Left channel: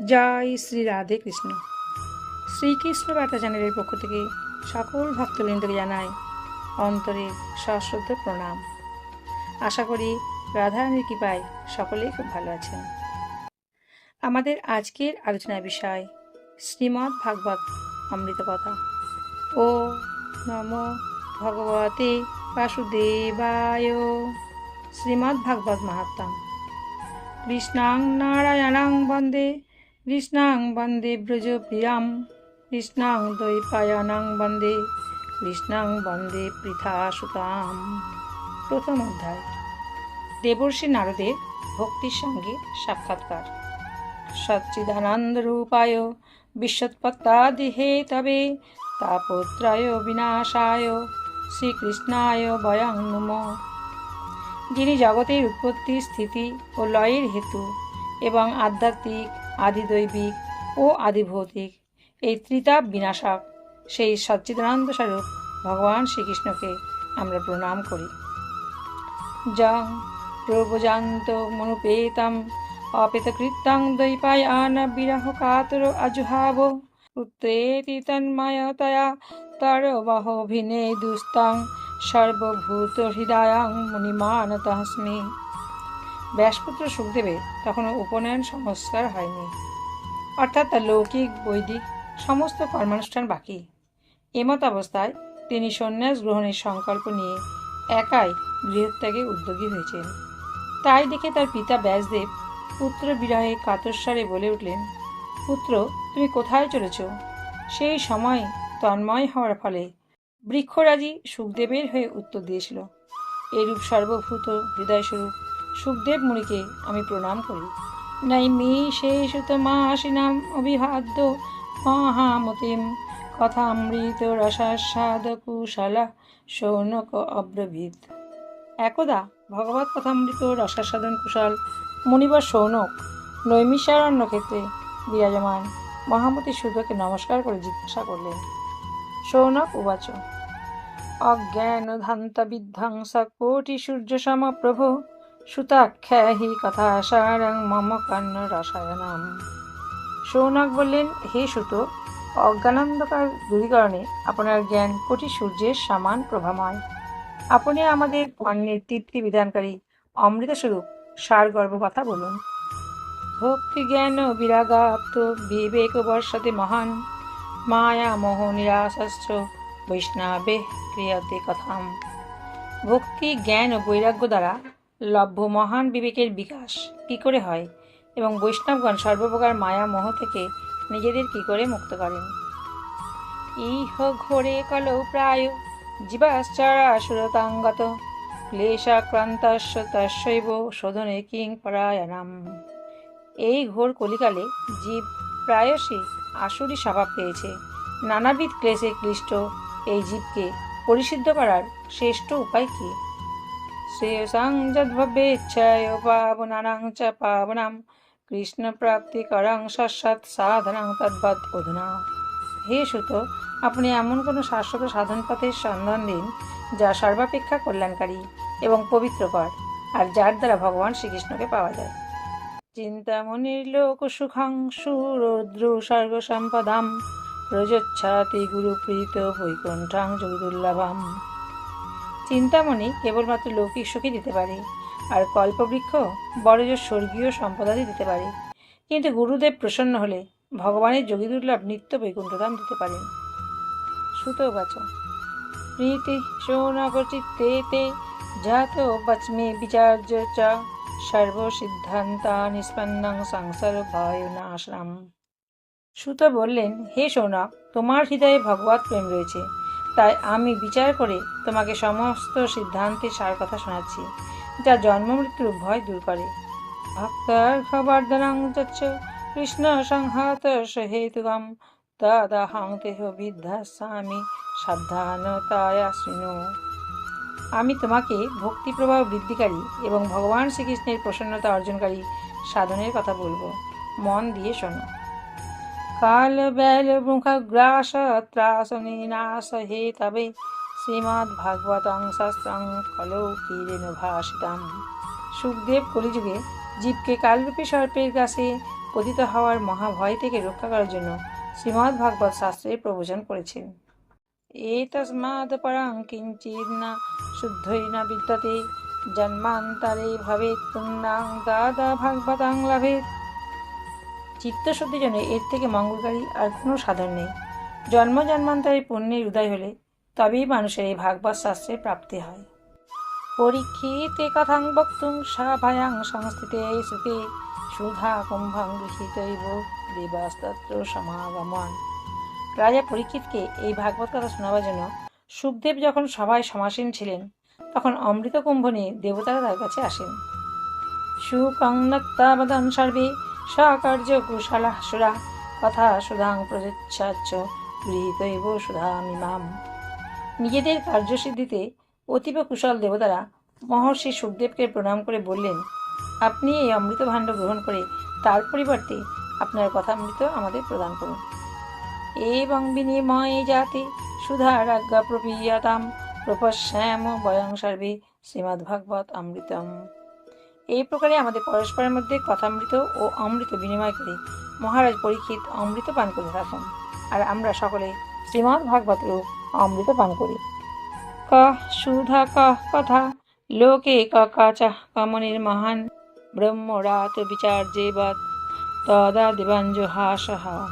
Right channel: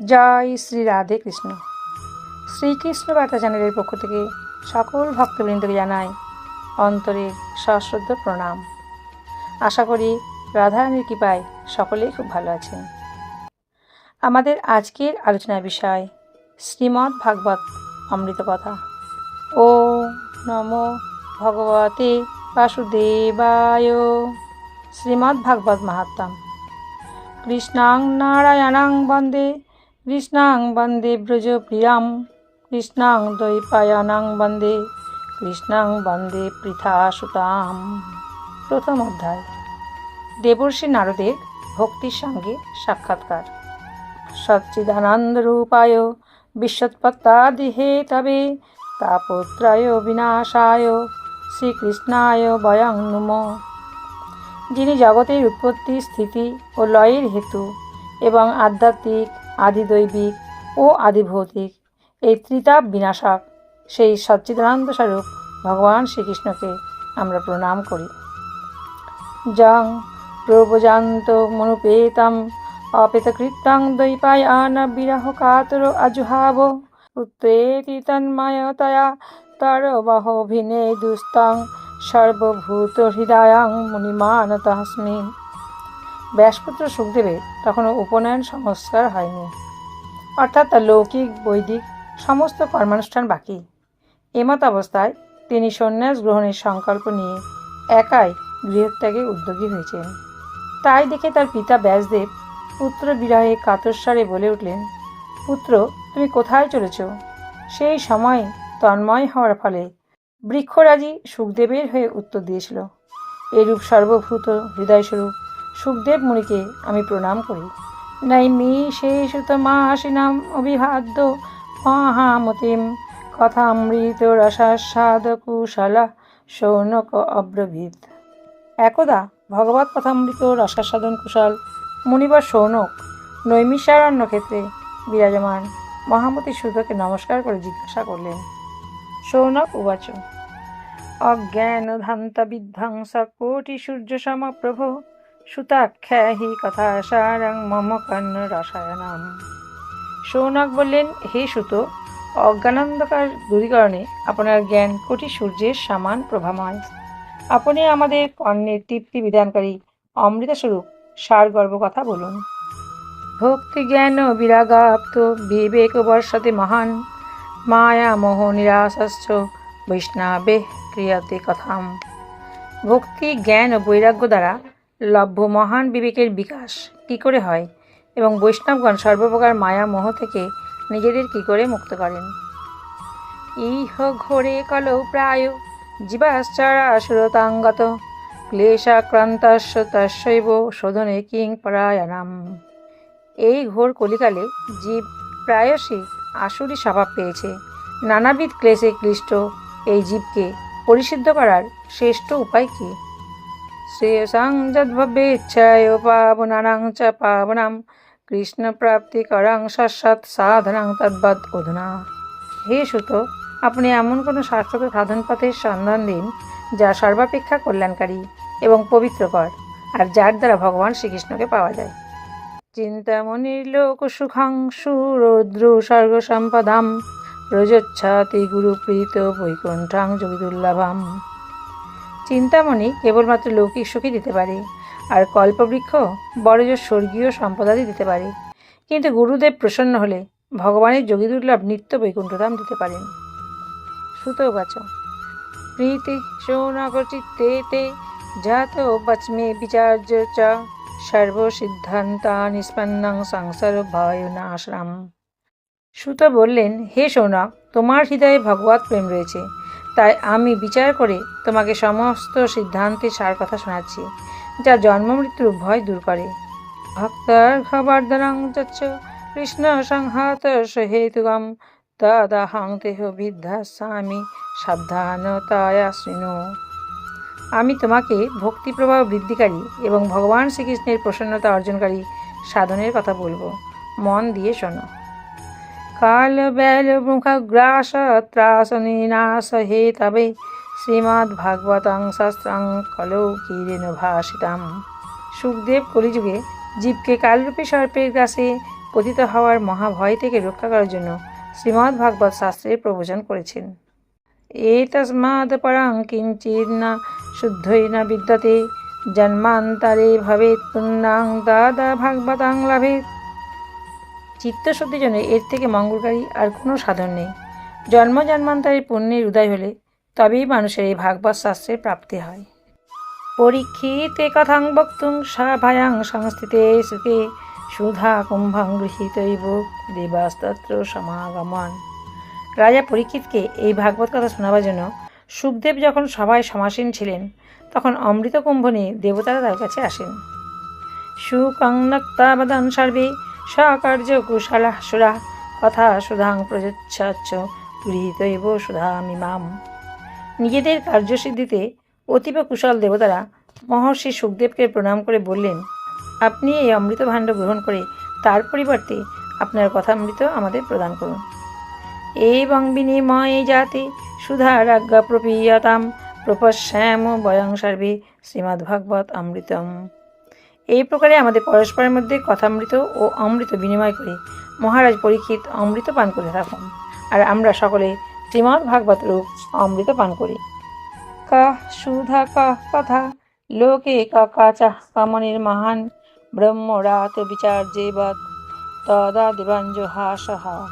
জয় শ্রী রাধে কৃষ্ণ। শ্রীকৃষ্ণ বার্তা চ্যানেলের পক্ষ থেকে সকল ভক্তবৃন্দকে জানাই অন্তরের সশ্রদ্ধ প্রণাম। আশা করি রাধারানীর কৃপায় সকলেই খুব ভালো আছেন। আমাদের আজকের আলোচনার বিষয় শ্রীমদ্ ভাগবত অমৃত কথা ও নম ভগবতে বাসুদেবায়। শ্রীমদ্ ভাগবত মাহাত্ম্যম। কৃষ্ণাং নারায়ণাং বন্দে কৃষ্ণাং বন্দে ব্রজপ্রিয়াম, কৃষ্ণাং দ্বৈপায়নাং বন্দে, কৃষ্ণাং বন্দে পৃথা সুতাম প্রথম অধ্যায়। দেবর্ষী নারদের ভক্তির সঙ্গে সাক্ষাৎকার। সচ্চিদানন্দ রূপায় বিশ্বৎপত্তাদিহে তবে তাপত্রয় বিনাশায় শ্রীকৃষ্ণায় বয়ং নুম। যিনি জগতের উৎপত্তি, স্থিতি ও লয়ের হেতু এবং আধ্যাত্মিক আদিদৈবিক ও আদিভৌতিক। এই ত্রিতাপ বিনাশক সেই সচ্চিদানন্দ স্বরূপ ভগবান শ্রীকৃষ্ণকে আমরা প্রণাম করি। যং প্রবজান্ত মনুপেতম অপেতকৃত্যং দৈপায়ন বিরহ কাতর আজুহাব পুত্রেতি তন্ময়তয়া তরবহভিনে দুস্তং সর্বভূত হৃদয়ং মুনিমানতস্মি ব্যাসপুত্র সুখদেবের তখনও উপনয়ন সংস্কার হয়নি। অর্থাৎ তার লৌকিক, বৈদিক সমস্ত কর্মানুষ্ঠান বাকি। এমত অবস্থায় তিনি সন্ন্যাস গ্রহণের সংকল্প নিয়ে একাই গৃহত্যাগে উদ্যোগী হয়েছেন। তাই দেখে তার পিতা ব্যাসদেব পুত্র বিরহে কাতস্বরে বলে উঠলেন, পুত্র, তুমি কোথায় চলেছ? সেই সময় তন্ময় হওয়ার ফলে বৃক্ষরাজি সুখদেবের হয়ে উত্তর দিয়েছিল। এরূপ সর্বভূত হৃদয়স্বরূপ সুখদেব মুনিকে আমি প্রণাম করি। নৈমি শেষতমাসিনাম অভিবাদ্য মহামতিম কথা কথামৃত রসাস্বাদ কুশলা সৌনক অব্রভীত। একদা ভগবত কথামৃত রসাস্বাদন কুশল মুনিবর সৌনক নৈমিষারণ্য ক্ষেত্রে বিরাজমান। মহামতি সুতকে নমস্কার করে জিজ্ঞাসা করলেন সৌনক উবাচ। অজ্ঞান ধান্ত বিধ্বংস কোটি সূর্য সম প্রভু সুতাখ্যা হি কথা সারং মম কর্ণ রসায়নম সৌনক বললেন, হে সুত অজ্ঞানন্দকার দূরীকরণে আপনার জ্ঞান কোটি সূর্যের সমান প্রভামান। আপনি আমাদের কর্ণের তৃপ্তি বিধানকারী অমৃতস্বরূপ সার গর্ব কথা বলুন। ভক্তি জ্ঞান বিরাগাপ্ত বিবেক বর্ষতে মহান মায়া মোহ নিরাশস্য বৈষ্ণবে ক্রিয়াতে কথাম। ভক্তি জ্ঞান ও বৈরাগ্য দ্বারা লভ্য মহান বিবেকের বিকাশ কী করে হয় এবং বৈষ্ণবগণ সর্বপ্রকার মায়া মোহ থেকে নিজেদের কী করে মুক্ত করেন? ইহ ঘোরে কলৌ প্রায় জীবাশ্চারা সুরতাঙ্গত ক্লেশাক্রান্তস্য তস্যৈব শোধনে কিং পরায়ণাম। এই ঘোর কলিকালে জীব প্রায়শই আসুরি স্বভাব পেয়েছে। নানাবিধ ক্লেশে ক্লিষ্ট এই জীবকে পরিশুদ্ধ করার শ্রেষ্ঠ উপায় কি? শ্রেয়সাং যদ্ভব্যে ইচ্ছায় পাবনানাং চ পাবনাম কৃষ্ণ প্রাপ্তি করং সৎ সাধনাং তদ্বৎ অধুনা হে সুত, আপনি এমন কোনো শাশ্বত সাধন পথের সন্ধান দিন যা সর্বাপেক্ষা কল্যাণকারী এবং পবিত্রকর আর যার দ্বারা ভগবান শ্রীকৃষ্ণকে পাওয়া যায়। চিন্তামণির লোক সুখাং সুরৌদ্র স্বর্গ সম্পদাম রজচ্ছাতি গুরুপ্রীত বৈকুণ্ঠাং যোগদুর্লভম চিন্তামণি কেবলমাত্র লৌকিক সুখী দিতে পারে, আর কল্পবৃক্ষ বড়জোর স্বর্গীয় সম্পদাদি দিতে পারে। কিন্তু গুরুদেব প্রসন্ন হলে ভগবানের যোগী দুর্লভ নিত্য বৈকুণ্ঠধাম দিতে পারেন সুত বাচ। প্রীতি শৌনক চিত্তে তে জাত বচমে বিচার্য চ সর্বসিদ্ধান্তা নিষ্পন্নং সংসার ভয়নাশ্রাম। সুত বললেন, হে সৌনক তোমার হৃদয়ে ভগবত প্রেম রয়েছে। তাই আমি বিচার করে তোমাকে সমস্ত সিদ্ধান্তের সার কথা শোনাচ্ছি যা জন্ম মৃত্যুর ভয় দূর করে। ভক্তার খবরদারং যচ্ছ কৃষ্ণ সংহত হেতুগম তদাহং দেহ বিদ্যাস্বামী, সাবধানতায়া শৃণু। আমি তোমাকে ভক্তি প্রবাহ বৃদ্ধিকারী এবং ভগবান শ্রীকৃষ্ণের প্রসন্নতা অর্জনকারী সাধনের কথা বলব। মন দিয়ে শোনো। কাল বেল মুখগ্রাস ত্রাস নিনাশ হে তবে শ্রীমদ্ ভাগবতং শাস্ত্রং কলৌ কীরেণ ভাষিতাম সুখদেব কলিযুগে জীবকে কালরূপী সর্পের গ্রাসে পতিত হওয়ার মহাভয় থেকে রক্ষা করার জন্য শ্রীমদ্ ভাগবত শাস্ত্রের প্রবচন করেছেন। এ তস্মাদ পরাং কিঞ্চিৎ না শুদ্ধই না বিদ্যতে জন্মান্তরে ভবেৎ পুণ্যাং দাদা ভাগবতাং লাভেত চিত্তশুদ্ধির জন্য এর থেকে মঙ্গলকারী আর কোনো সাধন নেই। জন্ম জন্মান্তরে পুণ্যের উদয় হলে তবেই মানুষের এই ভাগবত শাস্ত্রের প্রাপ্তি হয়। পরীক্ষিতে কথাং বক্তুং সাভায়াং সংস্থিতে সুখে সুধা কুম্ভাং গৃহীতৈব দেবাস্তত্র সমাগমন। রাজা পরীক্ষিতকে এই ভাগবত কথা শোনাবার জন্য সুখদেব যখন সভায় সমাসীন ছিলেন, তখন অমৃত কুম্ভ নিয়ে দেবতারা তার কাছে আসেন। সুকংনক্তাবদন সর্বে সকার্য কুশলা সুরা কথা সুধাং প্রযচ্ছাচ্ছ গৃহীতৈব সুধামিমাম নিজেদের কার্যসিদ্ধিতে অতীব কুশল দেবতারা মহর্ষি সুখদেবকে প্রণাম করে বললেন, আপনি এই অমৃত ভাণ্ড গ্রহণ করে তার পরিবর্তে আপনার কথামৃত আমাদের প্রদান করুন। এবং বিনিময়ে যাতে সুধারাজ্ঞা প্রপীয়তাম প্রপশ্যাম বয়ং সর্বে শ্রীমদ্ভাগবত অমৃতম। এই প্রকারে আমাদের পরস্পরের মধ্যে কথামৃত ও অমৃত বিনিময় করে মহারাজ পরীক্ষিত অমৃত পান করে থাকুন। আর আমরা সকলে শ্রীমদ্ ভাগবত রূপ অমৃত পান করি। কা, সুধা, কা, কথা, লোকে কা, কাচা, কামনির মহান ব্রহ্মরাত বিচার যে যেবৎ তদা দেবাঞ্জ হাসহা।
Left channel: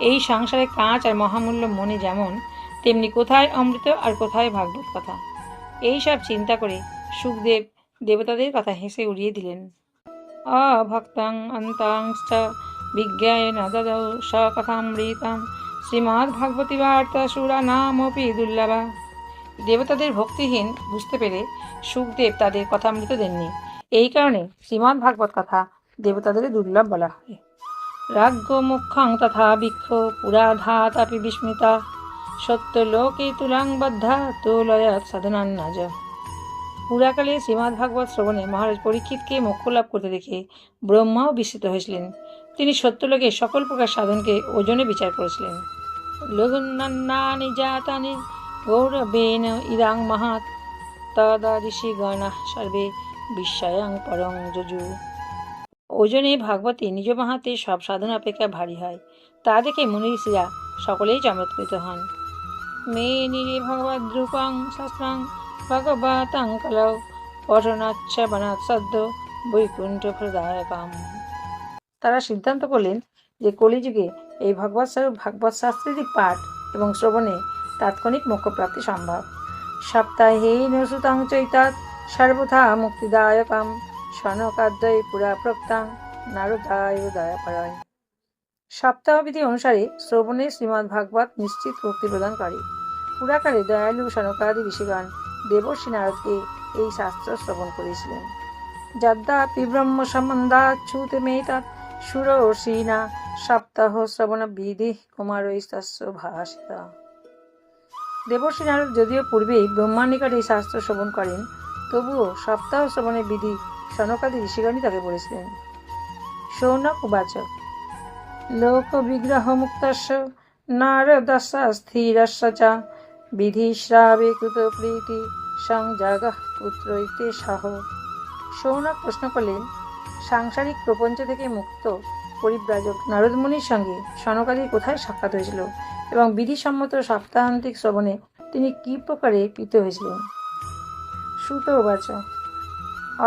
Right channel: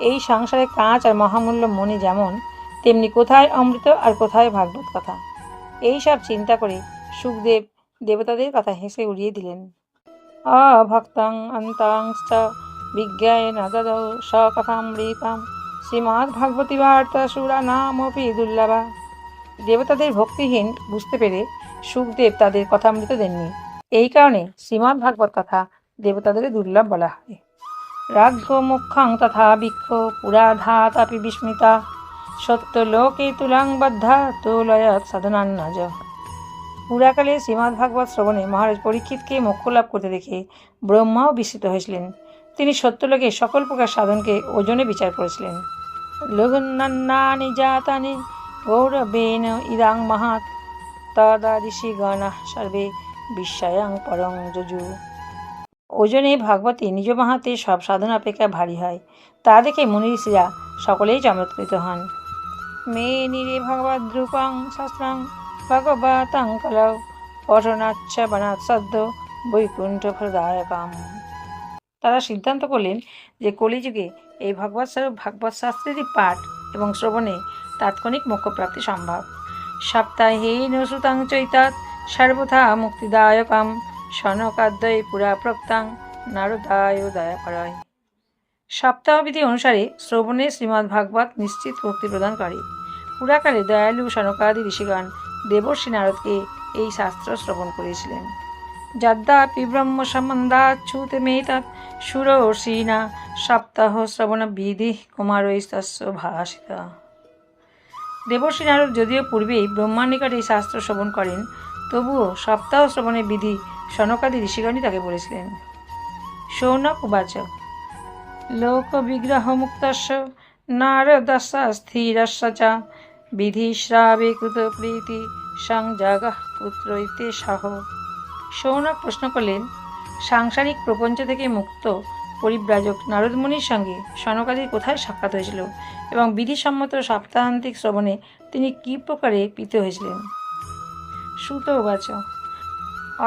এই সংসারে কাঁচ আর মহামূল্য মনে যেমন, তেমনি কোথায় অমৃত আর কোথায় ভাগবত কথা। এই সব চিন্তা করে সুখদেব দেবতাদের কথা হেসে উড়িয়ে দিলেন। আ ভক্তাং অন্তাংশ্চ বিজ্ঞায় নদদৌ সকথামৃতম শ্রীমদ্ ভাগবতী বার্তা সুরা নামপি দুর্লভা। দেবতাদের ভক্তিহীন বুঝতে পেরে সুখদেব তাদের কথা কথামৃত দেননি। এই কারণে শ্রীমদ্ ভাগবত কথা দেবতাদের দুর্লভ বলা হয়। রাজ্ঞ মুখ্যাং তথা বৃক্ষ পুরাধাত বিস্মিতা। সত্য লোকে তুলাং বদ্ধা তুলয়ত সাধনান্নাজ। পুরাকালে শ্রীমদ্ ভাগবত শ্রবণে মহারাজ পরীক্ষিতকে মোক্ষ লাভ করতে দেখে ব্রহ্মাও বিস্মিত হয়েছিলেন। তিনি সত্যলোকে সকল প্রকার সাধনকে ওজনে বিচার করেছিলেন। লঘুন্নানি জাতানি গৌরবেন ইদাং মহাত তদা ঋষিগণা সর্বে বিশ্বায়াং পরং যজু। ওজনে ভাগবতী নিজ মাহাতে সব সাধন অপেক্ষা ভারী হয়। তা দেখে মুনি সকলেই চমৎকৃত হন। মে নিরে ভগবদ দ্রুপং শাস্ত্রাং ভগবতাং বৈকুণ্ঠ তারা সিদ্ধান্ত করলেন যে কলিযুগে এই ভগবৎ স্বরূপ ভাগবত শাস্ত্রেরই পাঠ এবং শ্রবণে তাৎক্ষণিক মোক্ষপ্রাপ্তি সম্ভব। সপ্তাহে নসুতং চৈতাৎ সর্বথা মুক্তিদায়কাম, সনকাদ্বয় পুরা প্রক্তাং নারদায় দয়াকরায় সপ্তাহবিধি অনুসারে শ্রবণে শ্রীমদ্ ভাগবত নিশ্চিত মুক্তি প্রদান করে পুরাকালে দয়ালু সনকাদি ঋষিগণ দেবর্ষী নারদকে এই শাস্ত্র শ্রবণ করেছিলেন। যদ্যাপি ব্রহ্ম সম্বন্ধাচ্ছুত মেতাৎ সুরর্ষিণা সপ্তাহ শ্রবণ বিধি কুমারৈস্তস্য ভাষিতা দেবর্ষী নারদ যদিও পূর্বেই ব্রহ্মার নিকট এই শাস্ত্র শ্রবণ করেন, তবুও সপ্তাহ শ্রবণের বিধি সনকাদি ঋষিগণই তাকে বলেছিলেন। সৌনক উবাচ লোক বিগ্রহ মুক্তস্য নারদস্য, স্থিরস্য চ বিধিশ্রাবে কৃত প্রীতি সংজাগ পুত্র ইতে সহ সৌনক প্রশ্ন করলেন, সাংসারিক প্রপঞ্চ থেকে মুক্ত পরিব্রাজক নারদমুনির সঙ্গে সনকাদির কোথায় সাক্ষাৎ হয়েছিল এবং বিধিসম্মত সপ্তাহান্তিক শ্রবণে তিনি কী প্রকারে পিত হয়েছিলেন? সুত উবাচ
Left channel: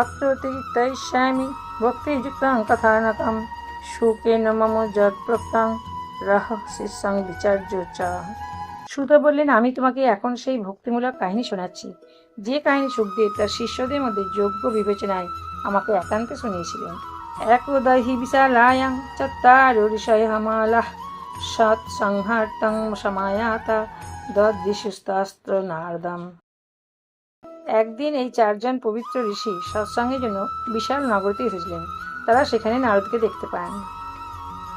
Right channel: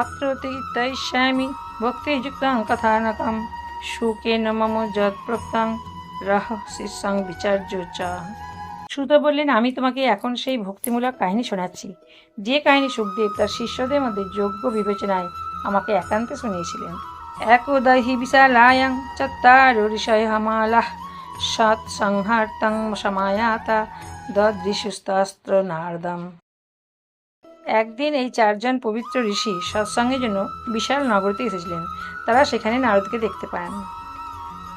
অত্র তীর্থয়িষ্যামি ভক্তিযুক্তাং কথানকম সুকেন মম যৎ প্রক্তাং রহ শিষ্যাং বিচার্য চ। সুত বললেন, আমি তোমাকে এখন সেই ভক্তিমূলক কাহিনী শোনাচ্ছি। যে কাহিনী সুখদেব তার শিষ্যদের মধ্যে যোগ্য বিবেচনায় আমাকে একান্তে শুনিয়েছিলেন। একদাহি বিশালায়াং চত্বার ঋষয় মালা সৎ সংহার্তং সমায়াতা দদৃশুস্তাস্ত্র নারদম। একদিন এই চারজন পবিত্র ঋষি সৎসঙ্গের জন্য বিশাল নগরীতে এসেছিলেন। তারা সেখানে নারদকে দেখতে পান।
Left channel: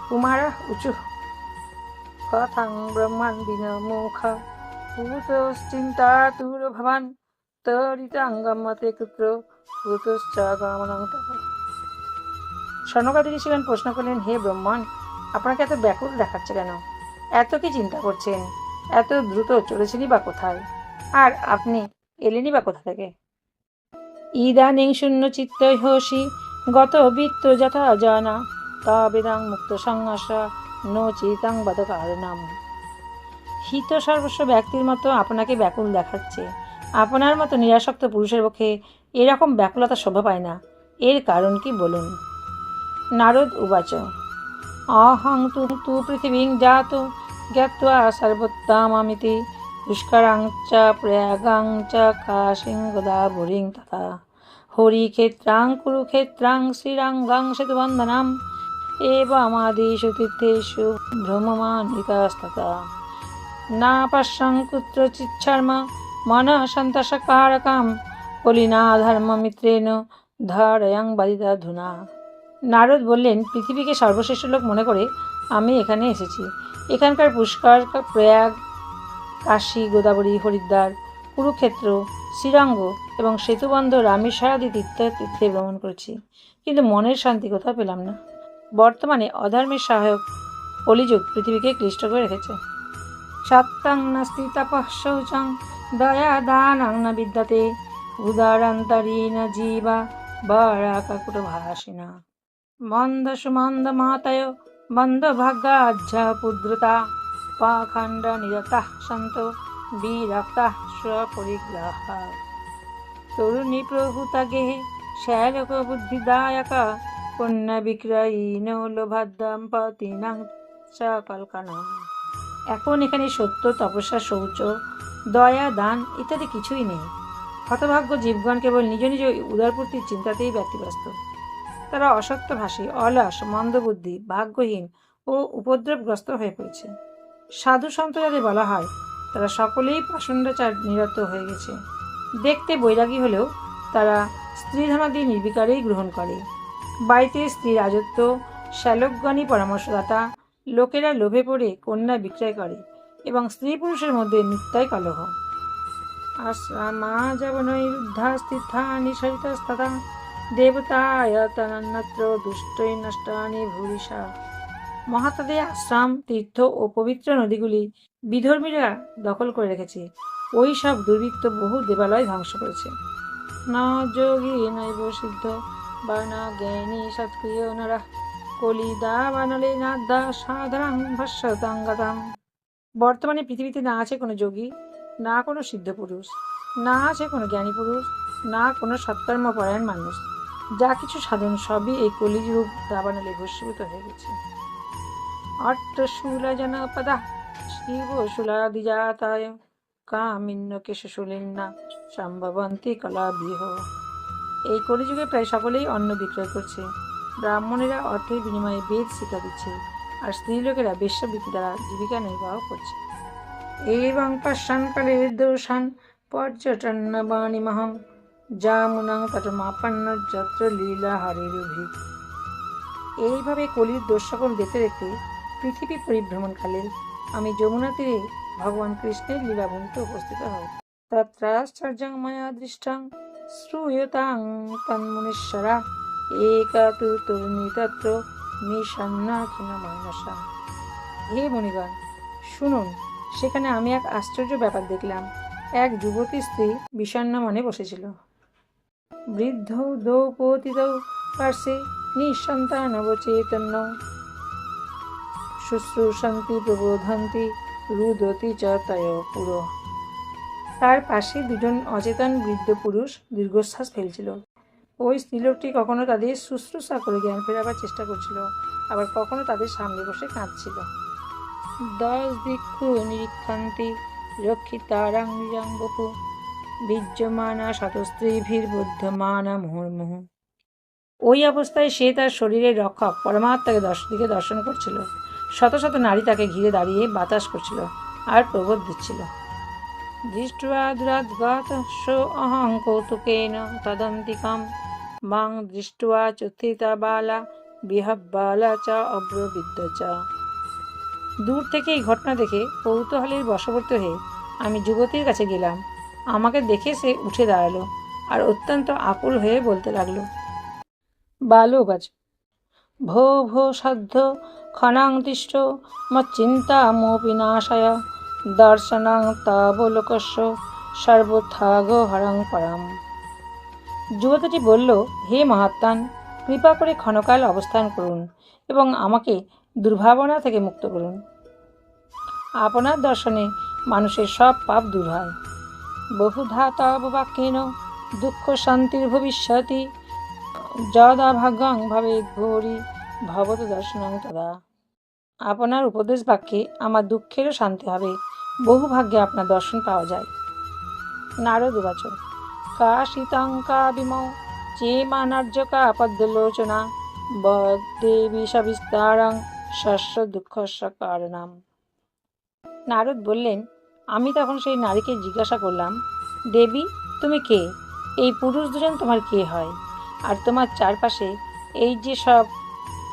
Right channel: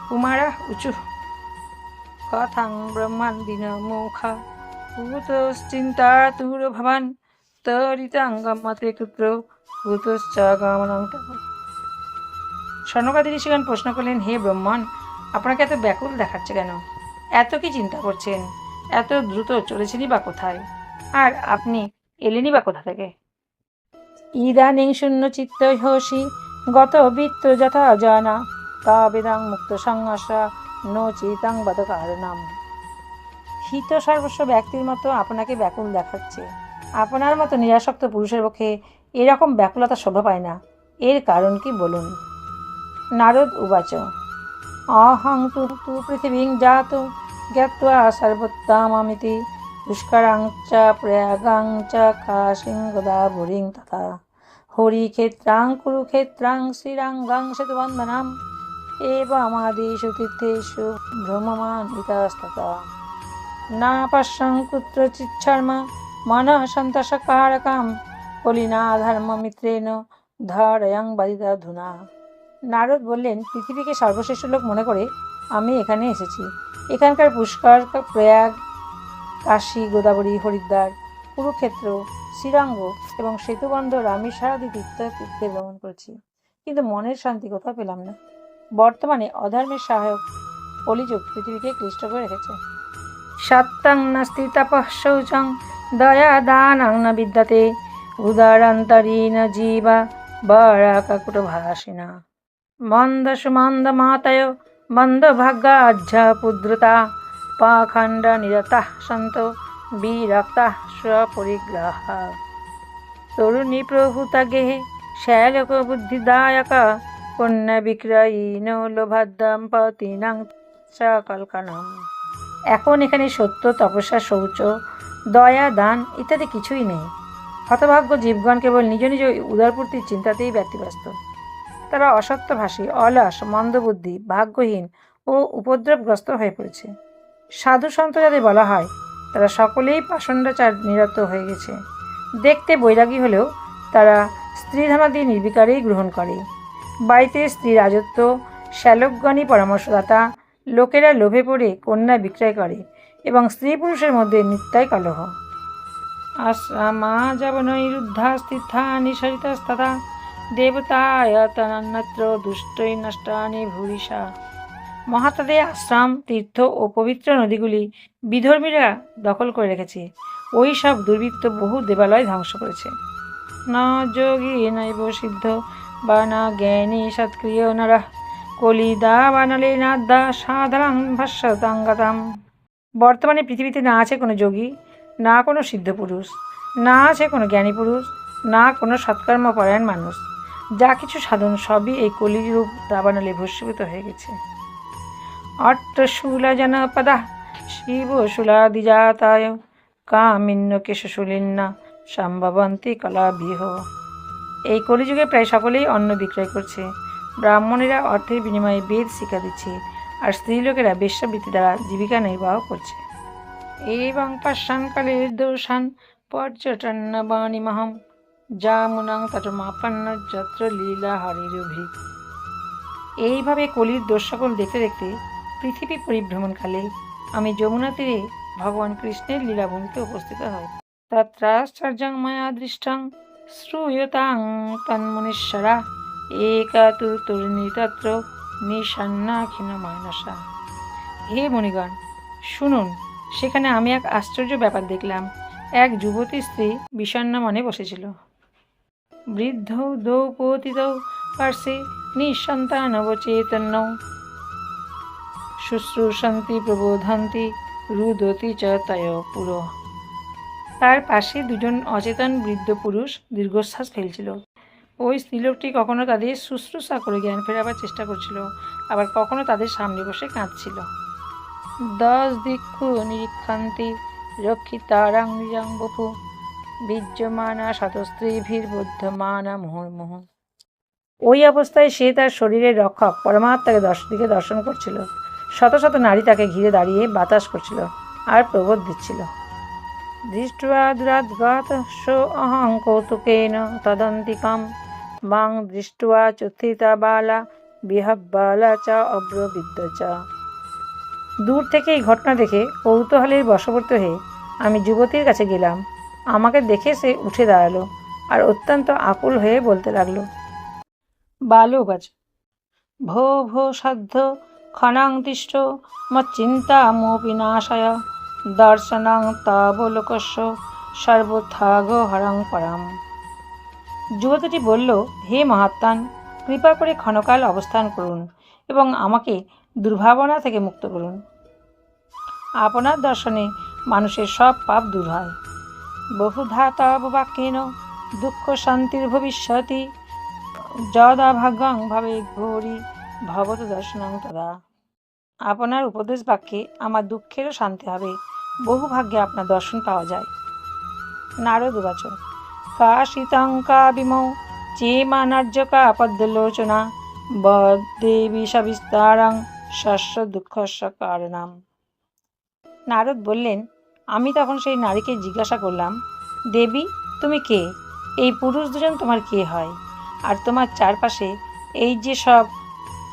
কুমারা উঁচু কথাং ব্রহ্মান দিন মুখা ভূতশ্চিন্তা তুর ভবান তরিতাঙ্গমতে কুত্র ভূতশ্চ গমনং তব। স্বর্ণকাদি ঋষিগণ প্রশ্ন করলেন, হে ব্রহ্মণ, আপনাকে এত ব্যাকুল দেখাচ্ছে কেন? এত কি চিন্তা করছেন? এত দ্রুত চলেছেনই বা কোথায়? আর আপনি এলেনই বা কোথা থেকে? ইদানিং শূন্য চিত্ত হসি গত বৃত্ত যথা জানা, তা বেদাং মুক্ত সংহাসা নো চিতাং বদ কারণাম হিত সর্বস্ব ব্যক্তির মতো আপনাকে ব্যাকুল দেখাচ্ছে। আপনার মতো নিরাসক্ত পুরুষের পক্ষে এরকম ব্যাকুলতা শোভা পায় না। এর কারণ কি বলুন? নারদ উবাচ। অহং তু তু পৃথিবীং জাত, জ্ঞাত্বা সর্বোত্তমামিতি পুষ্করাং চ প্রয়াগাং চ কাশিং গোদাবরীং তথা হরিক্ষেত্রাং কুরুক্ষেত্রাং শ্রীরাঙ্গাং সেতুবন্ধনাম তীর্থেষু ভ্রমমানিতস্ততা না পশ্যং কুত্রচিচ্ছর্ম মনঃ সন্তোষকারকাম কলিনা ধর্মমিত্রেণ ধরয়ং বাদিতা ধুনা। নারদ বললেন, পৃথিবীকে সর্বশ্রেষ্ঠ লোক মনে করে আমি এখানে এসেছি। এখানকার পুষ্কর প্রয়াগ, কাশী, গোদাবরী, হরিদ্বার, কুরুক্ষেত্র, শ্রীরঙ্গ এবং সেতুবন্ধ রামেশ্বরাদি তীর্থ তীর্থে ভ্রমণ করেছি। কিন্তু মনের শান্তি কোথাও পেলাম না। বর্তমানে অধর্মের সহায়ক কলিযুগ পৃথিবীকে ক্লিষ্ট করে রেখেছে। সত্যং নাস্তি তপঃ শৌচং দয়া দানং ন বিদ্যতে উদারান্তরীণ জীবা বরাকুট ভাসিনা মন্দ সুমন্দ মাতয় মন্দ ভাগ্যাজ্য পুদ্রতা পাখণ্ড নিরতা সন্ত বিরক্তা স্বপরিগ্রহ। তরুণী প্রভূতা গেহে শ্যালক বুদ্ধিদায়ক এখন এখানে সত্য, তপস্যা, শৌচ, দয়া, দান ইত্যাদি কিছুই নেই। হতভাগ্য জীবগণ কেবল নিজ নিজ উদারপূর্তির চিন্তাতেই ব্যতিব্যস্ত। তারা অসত্যভাষী, অলস, মন্দবুদ্ধি, ভাগ্যহীন ও উপদ্রবগ্রস্ত হয়ে পড়েছে। সাধু সন্ত যাদের বলা হয়, তারা সকলেই পাষণ্ডাচার নিরত হয়ে গেছে। দেখতে বৈরাগী হলেও তারা স্ত্রীধনাদি নির্বিকারেই গ্রহণ করে। বাড়িতে স্ত্রী রাজত্ব, শ্যালকগণই পরামর্শদাতা, লোকেরা লোভে পড়ে, কন্যা বিক্রয় করে এবং স্ত্রী পুরুষের মধ্যে মিথ্যায় কলহ। আশ্রমা যবনৈরুদ্ধা স্থিতা নিঃসরিতস্তথা দেবতায়তনন্যত্র দুষ্টৈ নষ্টানি ভূরিষা। মহাত্মাদের আশ্রম, তীর্থ ও পবিত্র নদীগুলি বিধর্মীরা দখল করে রেখেছে। ওই সব দুর্বৃত্ত বহু দেবালয় ধ্বংস করেছে। না যোগী নৈব সিদ্ধ বা না জ্ঞানী সৎক্রিয় নরা। কলিদা সাধারণ ভাষ্যতাঙ্গাতাম বর্তমানে পৃথিবীতে না আছে কোনো যোগী, না কোনো সিদ্ধ পুরুষ, না আছে কোনো জ্ঞানী পুরুষ, না কোনো সৎকর্মপরায়ণ মানুষ। যা কিছু সাধন সবই এই কলিরূপ দাবানলে ভস্মীভূত হয়ে গেছে। অট্টশূলা জনপদা শিবশূলাদিজাতায় কামিন্য কেশশূলিন্না, সম্ভবন্তী কলাবিহ এই কলিযুগে প্রায় সকলেই অন্ন বিক্রয় করছে। ব্রাহ্মণেরা অর্থের বিনিময়ে বেদ শিক্ষা দিচ্ছে আর স্ত্রীলোকেরা বেশ্যাবৃত্তি দ্বারা জীবিকা নির্বাহ করছে। এবং পশ্চাৎকালে দোষান পর্যটন বাণীমহম যামুনাং তটমাপন্ন যত্র লীলা হরিরভি। এইভাবে কলির দোষ সকল দেখতে দেখতে পৃথিবী পরিভ্রমণকালে আমি যমুনা তীরে ভগবান কৃষ্ণের লীলাভূমিতে উপস্থিত হই তত্রাশ্চর্যং মায়া দৃষ্টং। শ্রূয়তাং তন্মনীশ্বরা একা তু তরুণী তত্র নিষন্নাখিন মানসা হে মণিগণ, শুনুন, সেখানে আমি এক আশ্চর্য ব্যাপার দেখলাম। এক যুবতী স্ত্রী বিষণ্ণ মনে বসেছিল। বৃদ্ধ দৌপতিত পার্শ্বে নিঃসন্তানবচেতন্য। শুশ্রূষন্তি প্রবোধন্তি, রুদতি চ তয় পুরো। তার পাশে দুজন অচেতন বৃদ্ধ পুরুষ দীর্ঘশ্বাস ফেলছিল। ওই স্ত্রীলোকটি কখনো তাদের শুশ্রূষা করে জ্ঞান ফেরাবার চেষ্টা করছিল আবার কখনো তাদের সামনে বসে কাঁদছিল। দশ দিক্ষু নিরীক্ষান্তি রক্ষিতারাং নিজাং বপু বীর্যমানা শতস্ত্রীভির বুদ্ধমানা মুহুর্মুহ। ওই অবস্থায় সে তার শরীরের রক্ষক পরমাত্মাকে দশ দিকে দর্শন করছিল। শত শত নারী তাকে ঘিরে দাঁড়িয়ে বাতাস করছিল আর প্রবোধ দিচ্ছিল। দুরাদ্গত সো অহং কৌতুকেন তদন্তিকাম মাং দৃষ্টা চুথিতা বালা বিহব্বালা চ অব্রবিদ্য চ দূর থেকে এই ঘটনা দেখে কৌতূহলের বশবর্ত হয়ে আমি যুবতীর কাছে গেলাম। আমাকে দেখে সে উঠে দাঁড়াল আর অত্যন্ত আকুল হয়ে বলতে লাগল বালুগাছ ভো ভো সাধ্য ক্ষণাং তিষ্ঠ মচ্চিন্তা মোপি নাশয় দর্শনাং তাবলোকস্য সর্বথাগ হরং পরাম। যুবতীটি বলল, হে মহাত্মান, কৃপা করে ক্ষণকাল অবস্থান করুন এবং আমাকে দুর্ভাবনা থেকে মুক্ত করুন। আপনার দর্শনে মানুষের সব পাপ দূর হয়। বহুধা তব বাক্যেন, দুঃখ শান্তির ভবিষ্যতি, যদা ভাগ্যং ভাবে ঘোরি ভবত দর্শনং তদা। আপনার উপদেশ বাক্যে আমার দুঃখেরও শান্তি হবে। বহু ভাগ্যে আপনার দর্শন পাওয়া যায়। নারদ উবাচ কাশিতাঙ্কা বিমৌ চেমানার্যকা পদ্মলোচনা বদেবী সবিস্তারাং শস্য দুঃখস্য কারণাম নারদ বললেন, আমি তখন সেই নারীকে জিজ্ঞাসা করলাম, দেবী, তুমি কে? এই পুরুষ দুজন তোমার কে হয়? আর তোমার চারপাশে এই যে সব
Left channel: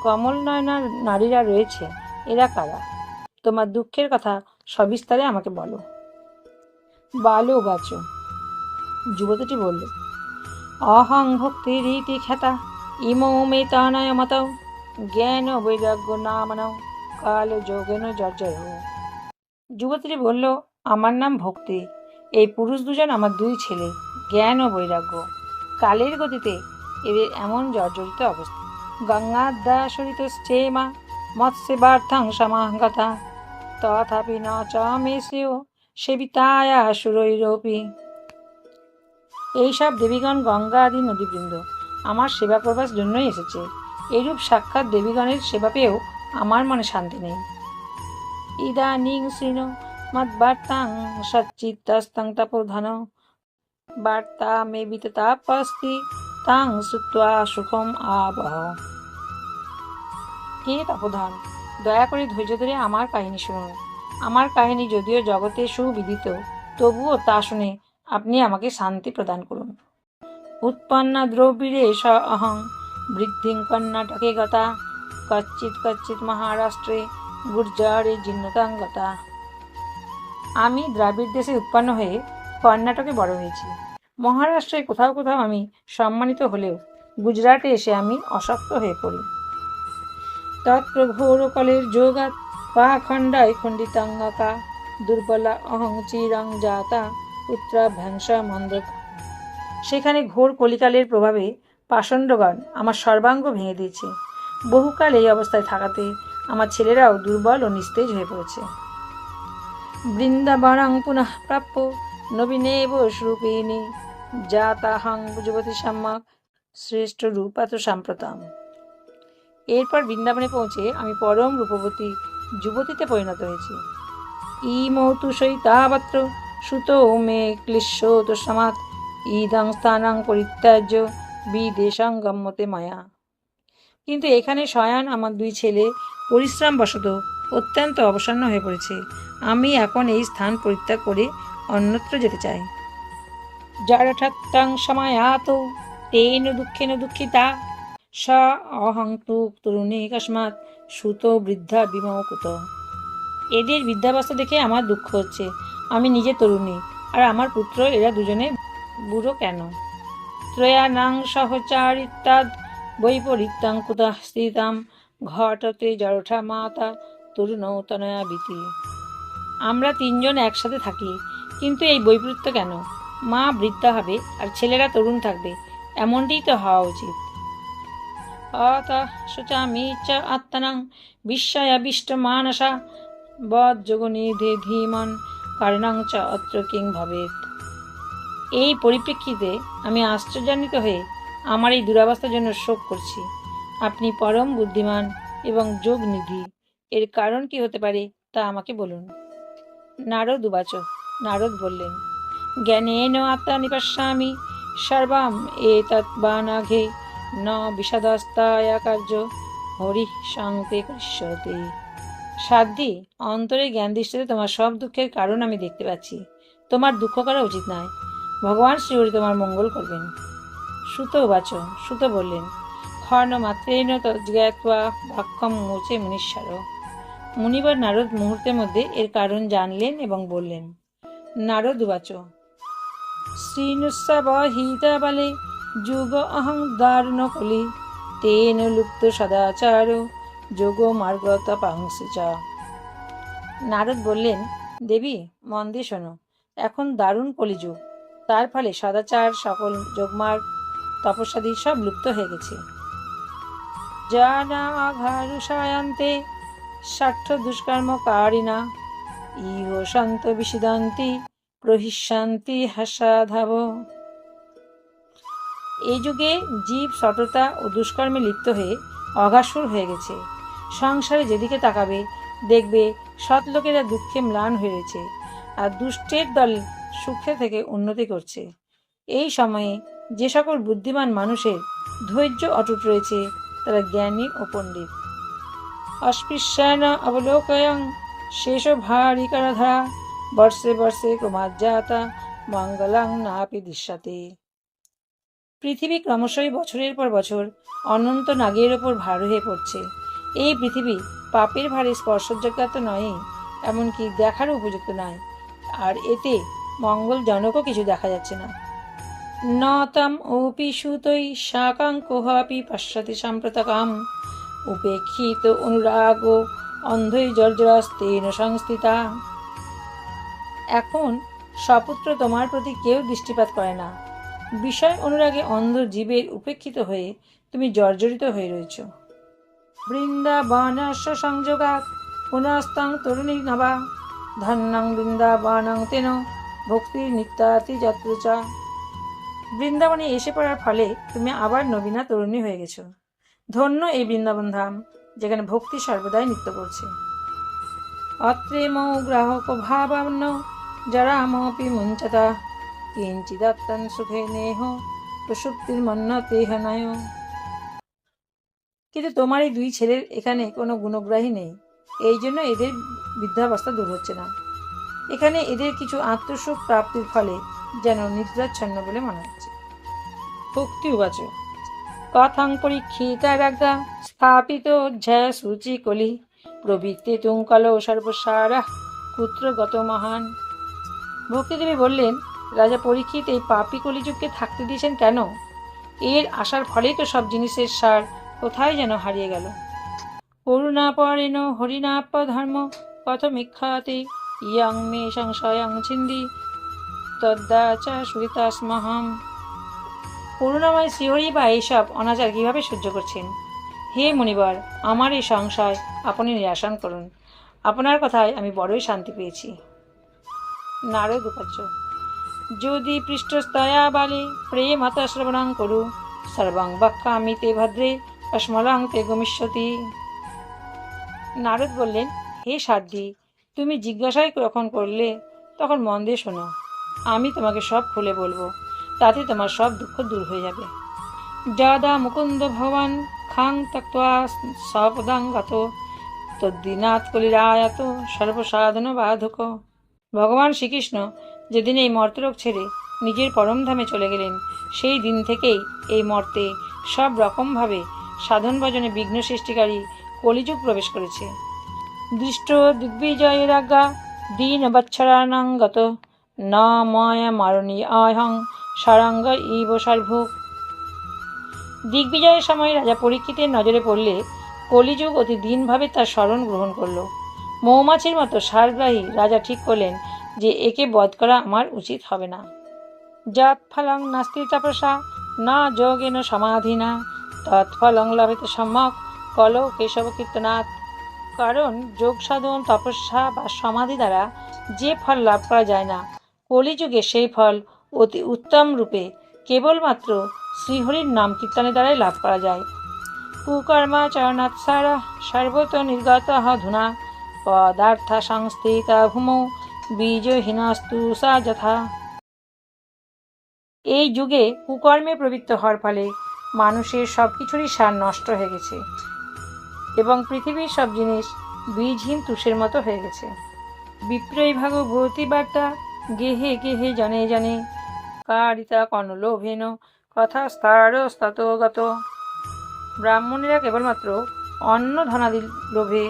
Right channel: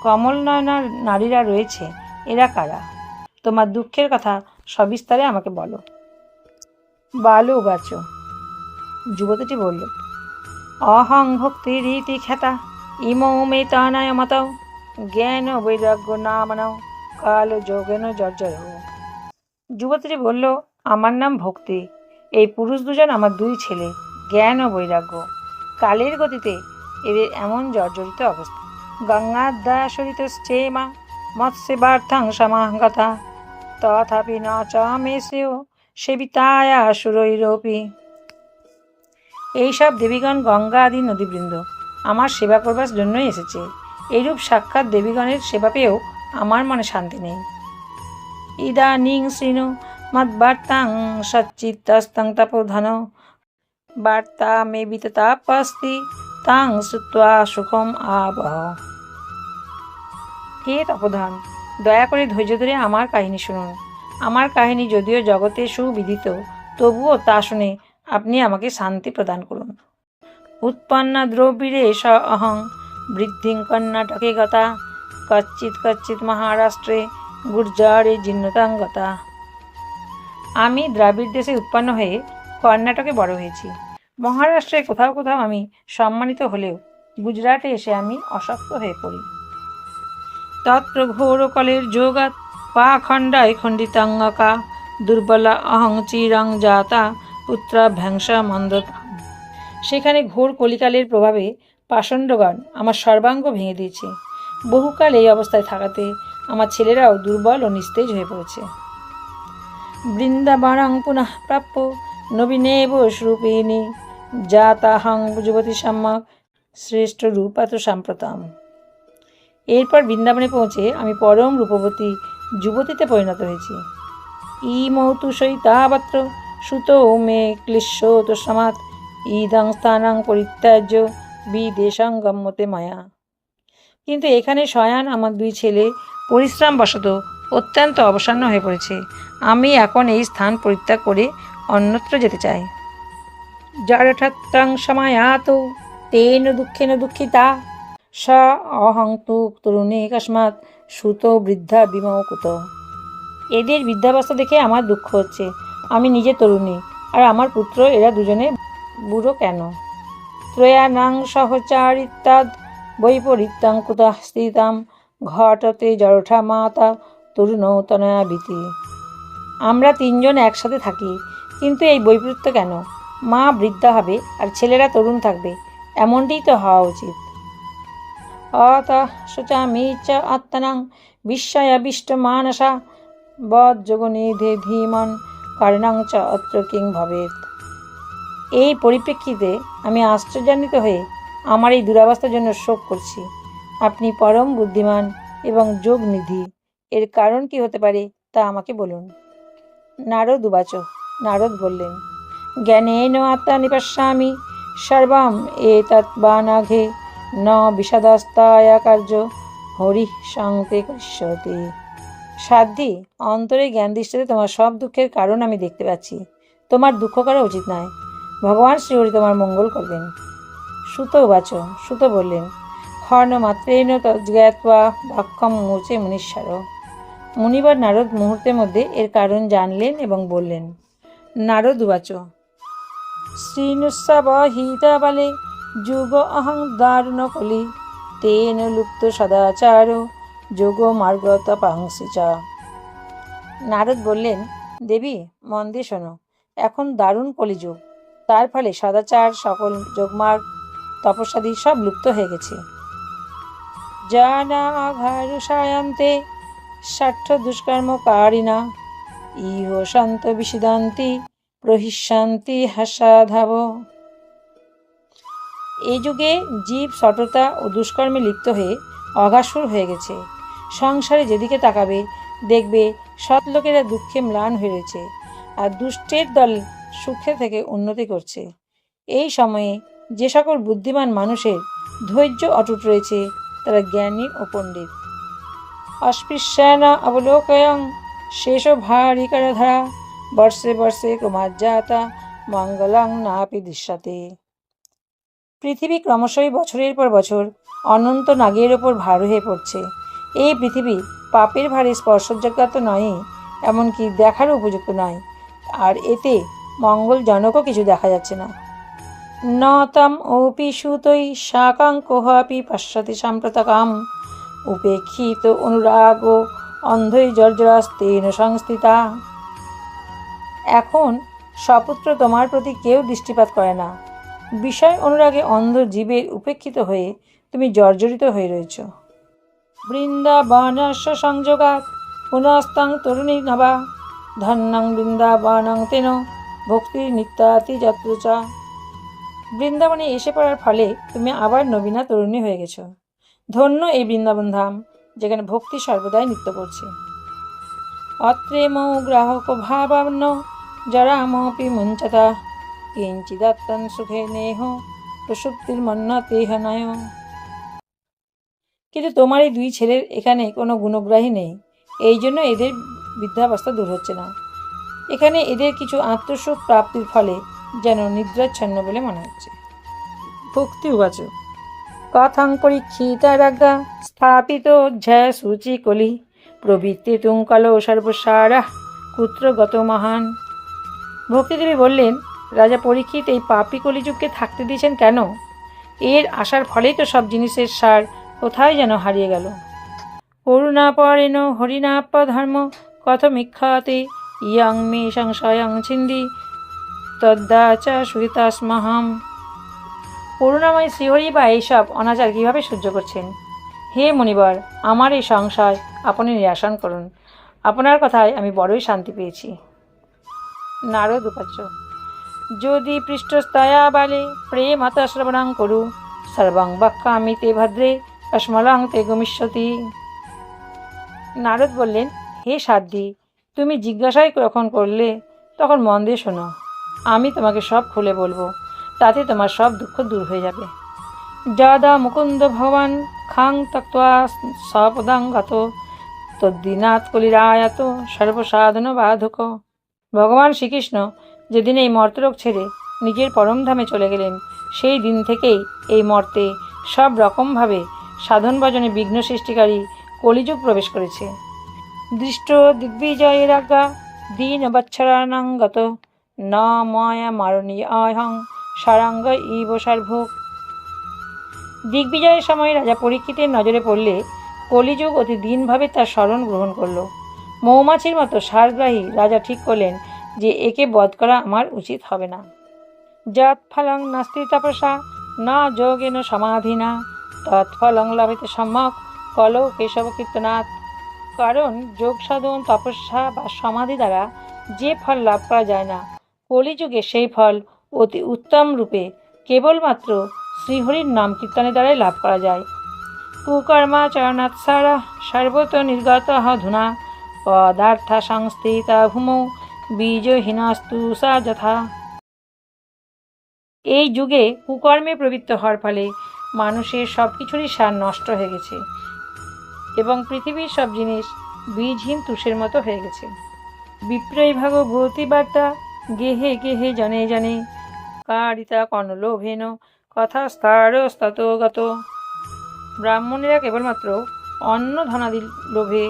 কমল নয়নার নারীরা রয়েছে, এরা কারা? তোমার দুঃখের কথা সবিস্তারে আমাকে বলো। বালু বাচ যুবতীটি বলল, অহং ভক্তি রীতি খ্যাতা ইমৌ মে তানায় মতাও, জ্ঞান বৈরাগ্য নামনাও কাল যোগেন জর্জর যুবতীটি বলল, আমার নাম ভক্তি, এই পুরুষ দুজন আমার দুই ছেলে, জ্ঞান ও বৈরাগ্য। কালের গতিতে এদের এমন জর্জরিত অবস্থা। গঙ্গাদাসরিতশ্চেমা মৎস্যবার্থাং সমাগতা তথাপি ন চ মেষেও সেবিতায়া সুরৈরপি এইসব দেবীগণ গঙ্গা আদি নদীবৃন্দ, আমার সেবা করবার জন্যই এসেছে। এইরূপ সাক্ষাৎ দেবীগণের সেবা পেয়েও আমার মনে শান্তি নেই। ইদানিং শৃণু মদ্বার্তাং সচ্চিত্তস্তং তপোধন। বার্তা মে বিততাপস্তি তাং শ্রুত্বা সুখম আবহ। হে তপোধন? দয়া করে ধৈর্য ধরে আমার কাহিনী শুনুন। আমার কাহিনী যদিও জগতে সুবিদিত, তবুও তা শুনে আপনি আমাকে শান্তি প্রদান করুন। উৎপন্না দ্রৌপীরে স অহং, বৃদ্ধিং কর্ণাটকে গতা, কচ্চিৎ কচ্চিৎ মহারাষ্ট্রে গুর্জারে জিন্নতাঙ্গতা আমি দ্রাবিড় দেশে উৎপন্ন হয়ে কর্ণাটকে বড় হয়েছি। মহারাষ্ট্রে কোথাও কোথাও আমি সম্মানিত হলেও গুজরাটে এসে আমি অসক্ত হয়ে পড়ি। তত্র ঘোরকলের যোগাত পাখণ্ডায় খণ্ডিতাঙ্গকা, দুর্বলা অহং চিরং জাতা পুত্রাভ্যাংসা মন্দ সেখানে ঘোর কলিকালের প্রভাবে পাষণ্ডগণ আমার সর্বাঙ্গ ভেঙে দিয়েছে। বহুকাল এই অবস্থায় থাকাতে আমার ছেলেরাও দুর্বল ও নিস্তেজ হয়ে পড়েছে। বৃন্দাবনং পুনঃ প্রাপ্য নবীনেব রূপিণী জাতাহং যুবতী সম্যক শ্রেষ্ঠ রূপাত সাম্প্রতম। এরপর বৃন্দাবনে পৌঁছে আমি পরম রূপবতী যুবতীতে পরিণত হয়েছি। ই মৌতু সৈতাবত্র সুত মে ক্লিশ্যোত সমাত ইদং স্থানাং পরিত্যাজ্য বিদেশাং গম্যতে মায়া। কিন্তু এখানে শয়ান আমার দুই ছেলে পরিশ্রম বশত অত্যন্ত অবসন্ন হয়ে পড়েছে। আমি এখন এই স্থান পরিত্যাগ করে অন্যত্র যেতে চাই। জড়ঠত্তং সমায়াত, তেন দুঃখেন দুঃখিতা স অহং তু তরুণী কস্মাৎ সুত বৃদ্ধা বিমকুত এদের বৃদ্ধাবস্থা দেখে আমার দুঃখ হচ্ছে। আমি নিজে তরুণী, আর আমার পুত্র, এরা দুজনে বুড়ো কেন? ত্রয়ানাং সহচারিত্যাদ বৈপরীত্যাং কুতঃ স্থিতাম ঘটতে জড়ঠা মাতা তরুণতনয়া ভীতি আমরা তিনজন একসাথে থাকি, কিন্তু এই বৈপরীত্য কেন? মা বৃদ্ধা হবে, আর ছেলেরা তরুণ থাকবে, এমনটিই তো হওয়া উচিত। শোচামি চ আত্মনাং বিস্ময়াবিষ্ট মানসা। বজ্জগনিধে ধীমন কারণাং চ অত্র কিং ভবেত এই পরিপ্রেক্ষিতে আমি আশ্চর্যান্বিত হয়ে আমার এই দুরাবস্থার জন্য শোক করছি। আপনি পরম বুদ্ধিমান এবং যোগ নিধি এর কারণ কি হতে পারে তা আমাকে বলুন। নারদ উবাচ নারদ বললেন, জ্ঞানেন আত্মা নিপশ্যামি। সর্বাম এ তৎবানাঘে ন বিষাদস্তায়া কার্য হরি শান্তি কৃষ্যতে সাধ্যি অন্তরে জ্ঞান দৃষ্টিতে তোমার সব দুঃখের কারণ আমি দেখতে পাচ্ছি। তোমার দুঃখ করা উচিত নয়। ভগবান শ্রীহরি তোমার মঙ্গল করবেন। সুত বাচ সুত বললেন, খর্ণ মাত্রেন তজ্ঞাত্বা বাক্যম মুচে মুনিশ্বর মুনিবার নারদ মুহূর্তের মধ্যে এর কারণ জানলেন এবং বললেন, নারদ বাচ শ্রীনুৎসব হিতাবলে যুগ অহং দারুণ কলি তেন লুপ্ত সদাচার, যোগ মার্গ তপাংসি চা। নারদ বললেন, দেবী, মন দিয়ে শোনো, এখন দারুণ কলিযুগ। তার ফলে সদাচার, সকল যোগমার্গ, তপস্যাদি সব লুপ্ত হয়ে গেছে। জানা আঘারুষায়ন্তে ষাঠ্য দুষ্কর্মকারিণা ইহ শান্ত বিশিদান্তি প্রহিষ্যান্তি হাসাধাব। এই যুগে জীব, সততা ও দুষ্কর্মে লিপ্ত হয়ে অঘাসুর হয়ে গেছে। সংসারে যেদিকে তাকাবে, দেখবে সৎ লোকেরা দুঃখে ম্লান হয়ে রয়েছে আর দুষ্টের দল সুখে থেকে উন্নতি করছে। এই সময়ে যে সকল বুদ্ধিমান মানুষের ধৈর্য অটুট রয়েছে, তারা জ্ঞানী ও পণ্ডিত। অস্পৃশ্যান অবলোকয়ং শেষ ভারিকরধরা বর্ষে বর্ষে কুমার ক্রমাজ্জাতা, মঙ্গলং নাপি দৃশ্যতে। পৃথিবী ক্রমশই বছরের পর বছর অনন্ত নাগের ওপর ভার হয়ে পড়ছে। এই পৃথিবী পাপের ভারে স্পর্শযোগ্য তো নয়ই এমনকি দেখারও উপযুক্ত নয়। আর এতে মঙ্গলজনকও কিছু দেখা যাচ্ছে না। নতম তম ওপি সুতৈ শাকাঙ্কোহাপি পশ্যতি সাম্প্রতকাম। উপেক্ষিত অনুরাগ অন্ধই জর্জরাস্তেন সংস্থিতা। এখন সপুত্র তোমার প্রতি কেউ দৃষ্টিপাত করে না। বিষয় অনুরাগে অন্ধ জীবের উপেক্ষিত হয়ে তুমি জর্জরিত হয়ে রয়েছ। বৃন্দাবনস্য সংযোগাত পুনস্তং তরুণী নবা ধন্যং বৃন্দাবনং তেন, ভক্তির নিত্যাতি যত্রচা বৃন্দাবনে এসে পড়ার ফলে তুমি আবার নবীনা তরুণী হয়ে গেছো। ধন্য এই বৃন্দাবন ধাম যেখানে ভক্তি সর্বদাই নৃত্য করছে। অত্রে মৌ গ্রাহক ভাবান্ন যারা মপি মুঞ্চতা। কিঞ্চিদত্তন সুখে নেহ প্রসুপ্তির মন্নতেহ নয় কিন্তু তোমার এই দুই ছেলের এখানে কোনো গুণগ্রাহী নেই। এই জন্য এদের বৃদ্ধাবস্থা দূর হচ্ছে না। এখানে এদের কিছু আত্মসুখ প্রাপ্তির ফলে যেন নিদ্রাচ্ছন্ন বলে মনে হচ্ছে। ভক্তি উবাচ। কথং পরীক্ষিতারাজ্ঞা স্থাপিত অধ্যায় সূচি কলি। প্রবৃত্তি তুঙ্কল সর্বসারা কুত্রগত মহান। ভক্তিদেবী বললেন রাজা পরীক্ষিত এই পাপি কলিযুগকে থাকতে দিয়েছেন কেন? এর আসার ফলেই তো সব জিনিসের সার কোথায় যেন হারিয়ে গেল। করুণা পরেণ হরিণাপ্য ধর্ম কথমিক্ষাতে ইয়াং মে সংশয়ং ছিন্দি তদ্দাচা সুরিতাস্মহম করুণাময় শ্রীহরি বা এইসব অনাচার কীভাবে সহ্য করছেন? হে মণিবর আমার এই সংশয় আপনি নিরাসন করুন। আপনার কথায় আমি বড়ই শান্তি পেয়েছি। নারদ উপাচ্য। যদি পৃষ্ঠস্তয়া বালে প্রেম হতশ্রবণাং করু, সর্বং বক্ষামি তে ভদ্রে কসমলাং তে গমিষ্যতি। নারদ বললেন, হে সাধ্যি তুমি জিজ্ঞাসাই যখন করলে, তখন মন দিয়ে শোনো, আমি তোমাকে সব খুলে বলব, তাতে তোমার সব দুঃখ দূর হয়ে যাবে। যদা মুকুন্দ ভগবান খাং তক্তা সপদাং গত তদ্দিনাথ কলিরায়াত সর্বসাধন বাধক। ভগবান শ্রীকৃষ্ণ যেদিন এই মর্তলোক ছেড়ে নিজের পরমধামে চলে গেলেন, সেই দিন থেকেই এই মর্তে সব রকমভাবে সাধন ভজনে বিঘ্ন সৃষ্টিকারী কলিযুগ প্রবেশ করেছে। দৃষ্ট দিগ্বিজয়ের আজ্ঞা দীন বৎসরানাঙ্গত ন ময়া মারণী অহং সারাঙ্গ ইব সার্ভুক দিগ্বিজয়ের সময় রাজা পরীক্ষিতের নজরে পড়লে কলিযুগ অতি দিনভাবে তার স্মরণ গ্রহণ করল। মৌমাছির মতো সারগ্রাহী রাজা ঠিক করলেন যে একে বধ করা আমার উচিত হবে না। যৎ ফলং নাস্তি তপসা না যোগেন সমাধিনা তৎফলং লভেতে সম্যক, কলৌ কেশব কীর্তনাথ কারণ যোগ সাধন, তপস্যা বা সমাধি দ্বারা যে ফল লাভ করা যায় না, কলিযুগে সেই ফল অতি উত্তম রূপে কেবলমাত্র শ্রীহরির নাম কীর্তনের দ্বারাই লাভ করা যায়। কুকর্মাচরণাৎসার সর্বত নির্গত ধুনা, পদার্থ সংস্থিতা ভূমৌ বীজহীনস্তু সা যথা। এই যুগে কুকর্মে প্রবৃত্ত হওয়ার ফলে মানুষের সব কিছুরই সার নষ্ট হয়ে গেছে এবং পৃথিবীর সব জিনিস বীজহীন তুষের মতো হয়ে গেছে। বিপ্রয় ভাগবতী বার্তা গেহে গেহে জনে জনে কারিতা কর্ণলোভেন কথা স্তরস্তগত ব্রাহ্মণেরা কেবলমাত্র অন্ন ধনাদির লোভে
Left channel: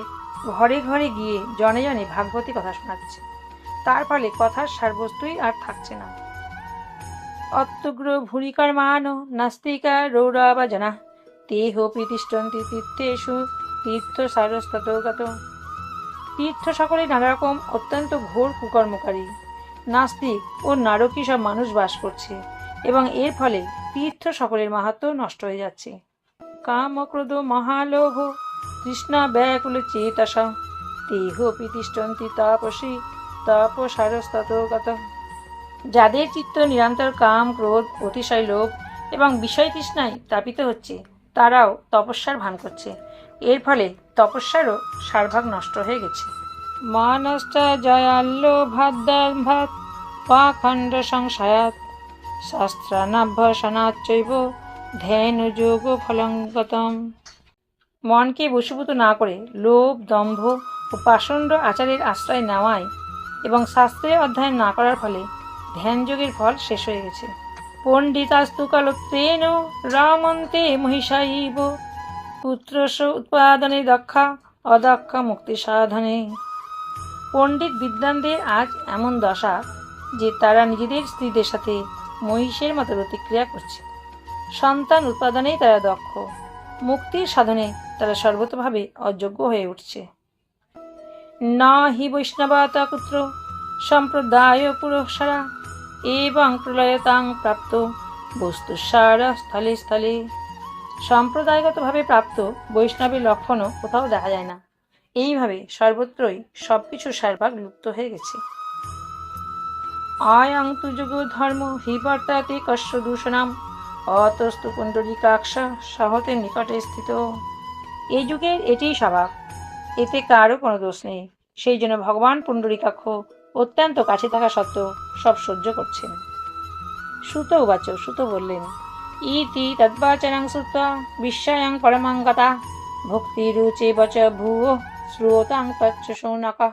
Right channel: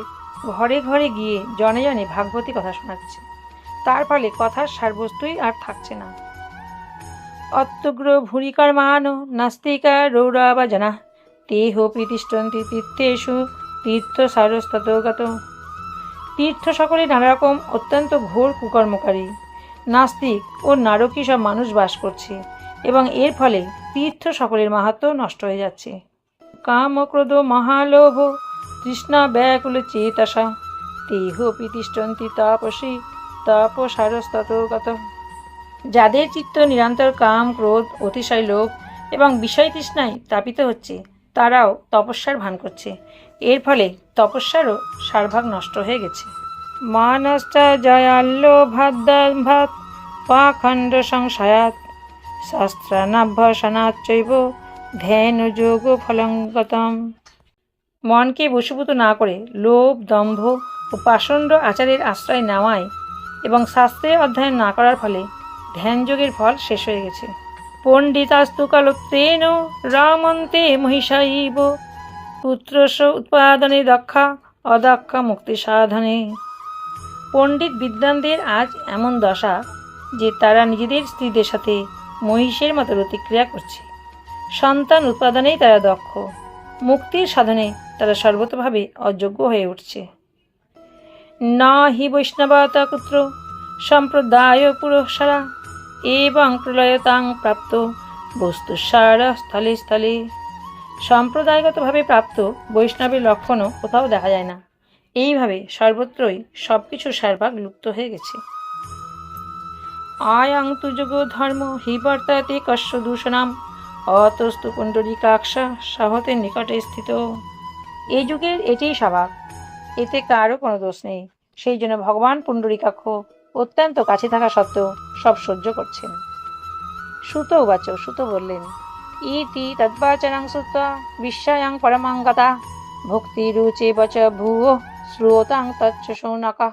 ঘরে ঘরে গিয়ে জনে জনে ভাগবতী কথা শোনাচ্ছে। তার ফলে কথার সারবস্তুই আর থাকছে না। অত্যগ্র ভূরিকর্মান নাস্তিকা রৌরবা জনা তেহ প্রতিষ্ঠন্তি তীর্থেষু তীর্থ সারস্তগত তীর্থ সকলে নানা রকম অত্যন্ত ঘোর কুকর্মকারী, নাস্তিক ও নারকী সব মানুষ বাস করছে এবং এর ফলে তীর্থ সকলের মাহাত্ম নষ্ট হয়ে যাচ্ছে। কাম ক্রোধ মহালোভ, তৃষ্ণা ব্যাকুল চেতসা তেহ তিষ্ঠন্তি তাপসী তাপসারস্তগত যাদের চিত্ত নিরন্তর কাম, ক্রোধ, অতিশয় লোভ এবং বিষয় তৃষ্ণায় তাপিত হচ্ছে, তারাও তপস্যার ভান করছে। এর ফলে তপস্যারও সারভাগ নষ্ট হয়ে গেছে। মানশ্চ জয়াল্য ভাদ্যাভাত পাখণ্ড সংশয়াত শাস্ত্রানাভ্যসনাচ্চৈব ধ্যান যোগ ফলঙ্গতম। মনকে বশীভূত না করে লোভ, দম্ভ ও পাষণ্ড আচারের আশ্রয় নেওয়ায় এবং শাস্ত্রের অধ্যয়ন না করার ফলে ধ্যানযোগের ফল শেষ হয়ে গেছে। পণ্ডিতাস্তু কালত্রেণ রামন্তে মহিষাইব পুত্রস উৎপাদনে দক্ষা, অদক্ষা মুক্তি সাধনে। পণ্ডিত বিদ্বানদের আজ এমন দশা যে তারা নিজেদের স্ত্রীদের সাথে মহিষের মতো প্রতিক্রিয়া করছে। সন্তান উৎপাদনেই তারা দক্ষ, মুক্তির সাধনে তারা সর্বতভাবে অযোগ্য হয়ে উঠছে। না হি বৈষ্ণবতা কুত্র, সম্প্রদায় পুরঃসারা, এবং প্রলয়তাং প্রাপ্ত বস্তু সারা স্থলে স্থলে। সম্প্রদায়গতভাবে প্রাপ্ত বৈষ্ণবের লক্ষণও কোথাও দেখা যায় না। এইভাবে সর্বত্রই সব কিছু সারভাগ লুপ্ত হয়ে গেছে। আয়াং তু যোগ ধর্ম হি বর্তাতে কশ্য দূষণাম, অতস্তু পুণ্ডরিকাক্ষ সাহতের নিকটে স্থিত। এই যুগের এটাই স্বভাব। এতে কারও কোনো দোষ নেই। সেই জন্য ভগবান পুণ্ডরিকাক্ষ অত্যন্ত কাছে থাকা সত্ত্বেও সব সহ্য করছেন। সুত উবাচ সুত বললেন, ইতি তদ্বাচনাং শ্রুত্বা বিশ্বায়াং পরমাঙ্গতা ভক্তি রুচে বচ ভুয় শ্রুতাং তচ্চ সৌনকা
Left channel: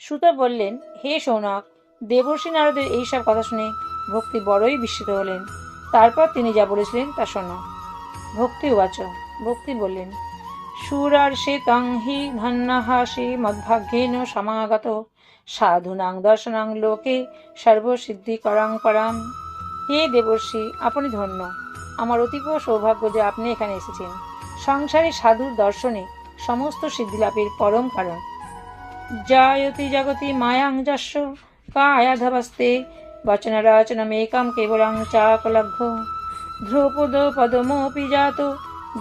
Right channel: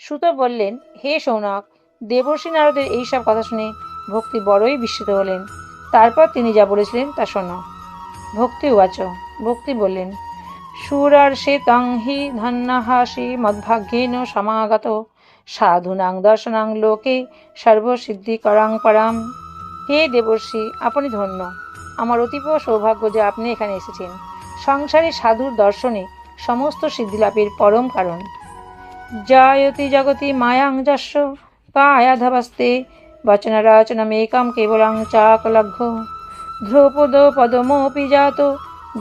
সুত বললেন, হে সৌনক দেবর্ষী নারদের এইসব কথা শুনে ভক্তি বড়ই বিস্মিত হলেন। তারপর তিনি যা বলেছিলেন তা শোনো। ভক্তি উবাচ ভক্তি বললেন সুরার সে তং হি ধন্যাহাসি মদ্ভাগ্যেন সমাগত। সাধুনাং দর্শনাং লোকে সর্বসিদ্ধিকরাং পরাম। হে দেবর্ষি, আপনি ধন্য। আমার অতীব সৌভাগ্য যে আপনি এখানে এসেছেন। সংসারে সাধুর দর্শনে সমস্ত সিদ্ধিলাভের পরম কারণ। জায়তি জগতি মায়াং যস্য কায়াধবস্তে বচনরাচনমেকাম কেবলাং চাকলঘ্য ধ্রুপদ পদমোপি জাত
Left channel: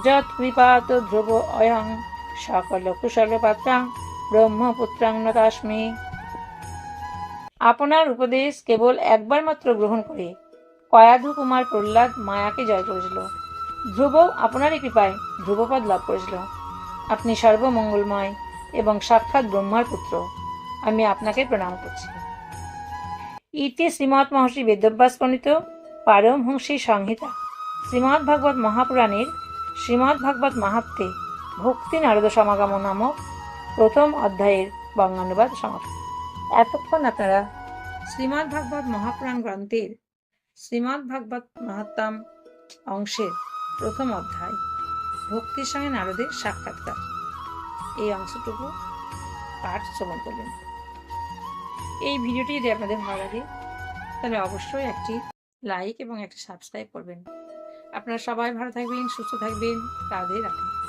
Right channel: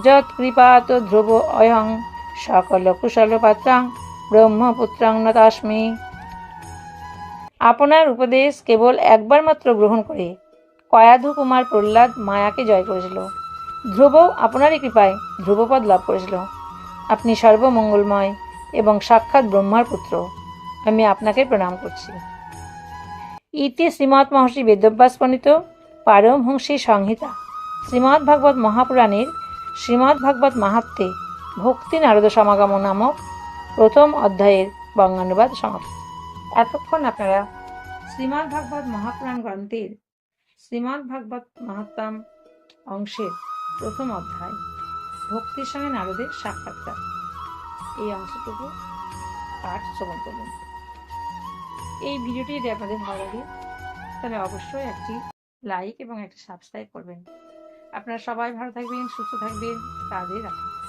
যৎ কৃপাত ধ্রুব অয়ং, সকল কুশল পাত্রাং, ব্রহ্মপুত্রাং নতাস্মি আপনার উপদেশ কেবল একবার মাত্র গ্রহণ করে, কয়াধু কুমার প্রহ্লাদ মায়াকে জয় করেছিল। ধ্রুব আপনারই কৃপায় ধ্রুবপদ লাভ করেছিল। আপনি সর্বমঙ্গলময় এবং সাক্ষাৎ ব্রহ্মার পুত্র। আমি আপনাকে প্রণাম করছি। ইতি শ্রীমৎ মহর্ষি বেদব্যাস প্রণীত, পারমহংসী সংহিতা। শ্রীমৎ ভাগবত মহাপুরাণের শ্রীমৎ ভাগবত মাহাত্মে ভক্তি নারদ সমাগম নামক প্রথম অধ্যায়ের বঙ্গানুবাদ সমাপ্ত। এতক্ষণ আপনারা শ্রীমৎ ভাগবত মহাপুরাণ গ্রন্থের শ্রীমৎ ভাগবত মাহাত্মাম অংশের প্রথম অধ্যায় ভক্তির সঙ্গে নারদের সাক্ষাৎকার এই অংশটুকু পাঠ শ্রবণ করলেন এই ভিডিওটি যদি আপনাদের ভালো লাগে, তাহলে অবশ্যই একটি লাইক এবং একটি সাবস্ক্রাইব করবেন। আপনারা সবাই ভালো থাকবেন সুস্থ থাকবেন তাদের রাখুন